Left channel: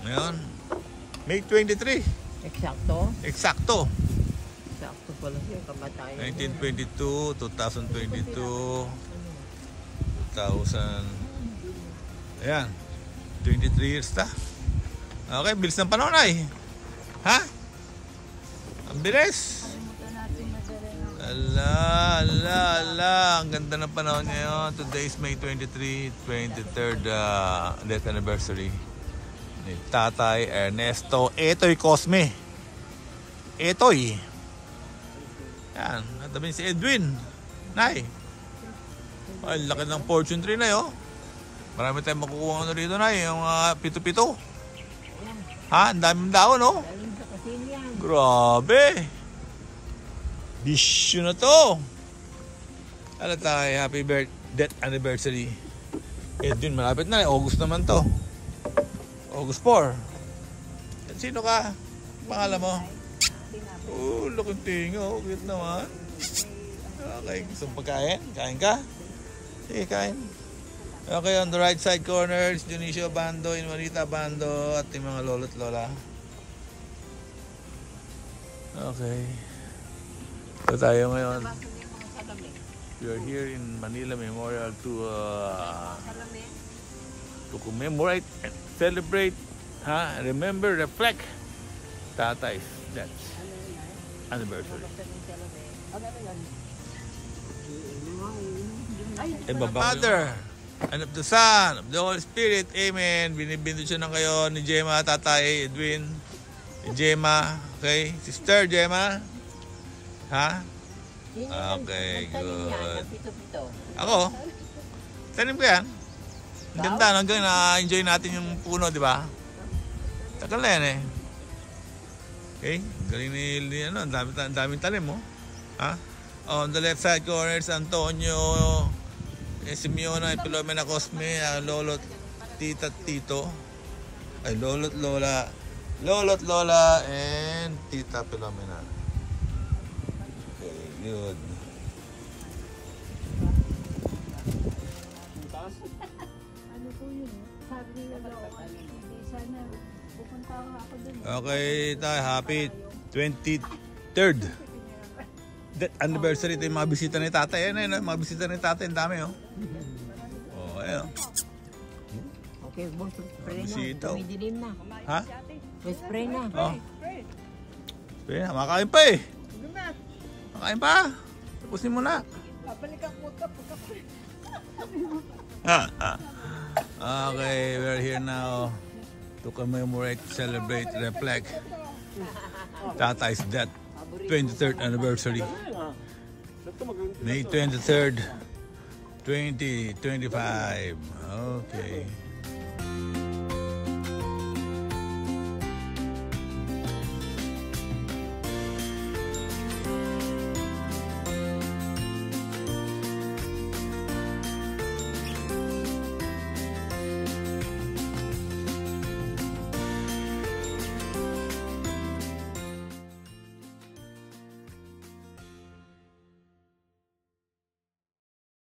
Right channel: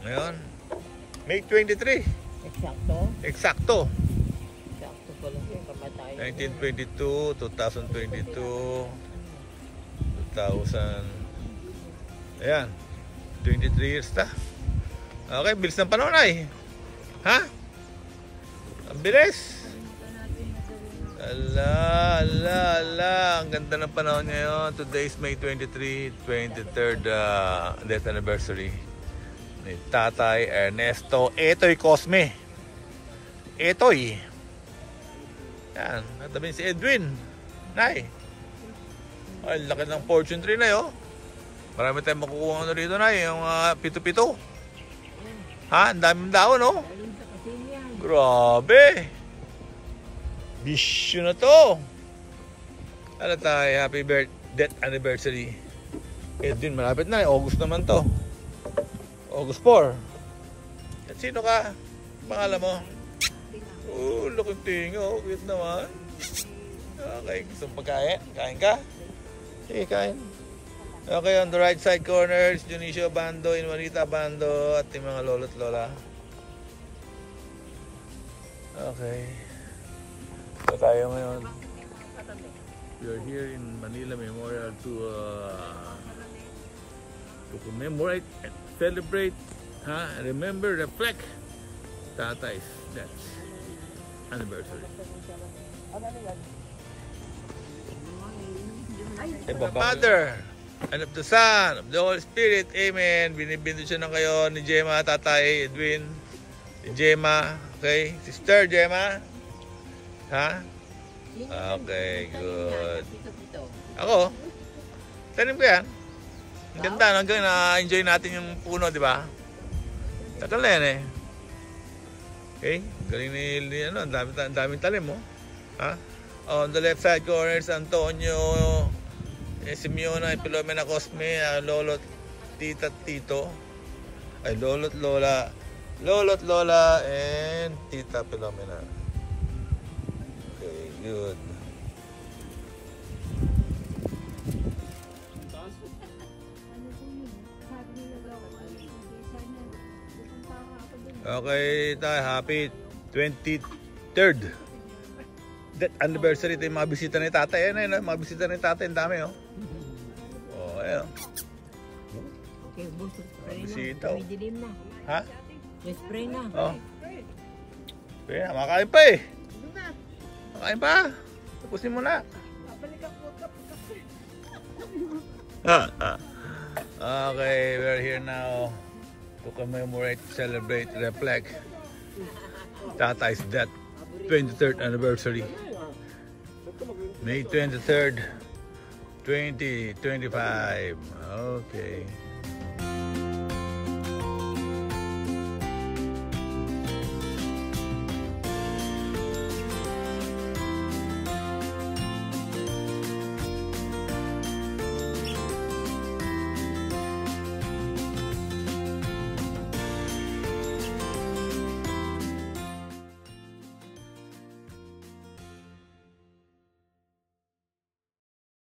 Ngayon, May 23. Eksakto? Eksakto. Eksakto pala siya, kamatayan. 1922, 2022, 2000. Ayan, 23 years na. Okay, bilis ng panahon ay. Ha? Ang bilis. Ala. Ang ganda ng panahon ngayon. Today is May 23, 23rd death anniversary ni Tatay Ernesto Etoy Cosme. Etoy. Yan. Natabi si Edwin. Nay. Ay, laki ng fortune tree na yun. Marami tayong makukuha ano rito, Nay. Yung pito-pito. Ha? Ang daming daon, no? Grabe. Bisyo na to. Ano tayo? Happy death anniversary. Edwin, malapit na. August naman to. August 4. At sino ka? Pangalan mo? Oh, laking tinga. Oh, cute naman. Okay, gusto mong pagkain? Kain ka? Sige, kain. Okay, on the right side corners, Dionisio Bando, Inwarita Bando, at yung mga lolo't lola. Okay. So tayo ngayon. We are here in Manila Memorial to commemorate and celebrate, remember, reflect Tatay's death anniversary. The Father and of the Son, of the Holy Spirit, Amen. Binibindot siya ng kayo ni Gemma, Tatay, Edwin, ni Gemma, okay? Sister Gemma, ha? Okay, good. Ako, tanim ko yan. Ang ganda, hanggang na-enjoy natin yung puno, di ba? Tagal na yan eh. Okay, galing ni ano, ang daming talim mo. Ha? On the left side corners, Antonio, Simeona, Filomena Cosme, Lolo, Tita, Tito, ay Lolo't Lola, and Tita Filomena. Okay, good. Okay, tayo, happy 23rd death anniversary. Ito yung mga bisita ni Tatay. Ayan, mga bisita ni Tatay, ang dami, oh. Oh, ayan. Okay, boss, spray na. Bisita, oh. Tumidilim na. Ha? Spray na. Oh. Spray na, makain pa eh. Makain pa. Tapusin mo na. Babalikan ko ito pagka-spray. Okay, we're here now to commemorate, celebrate, reflect Tatay's death 23rd anniversary. May 23rd, 2025. Okay.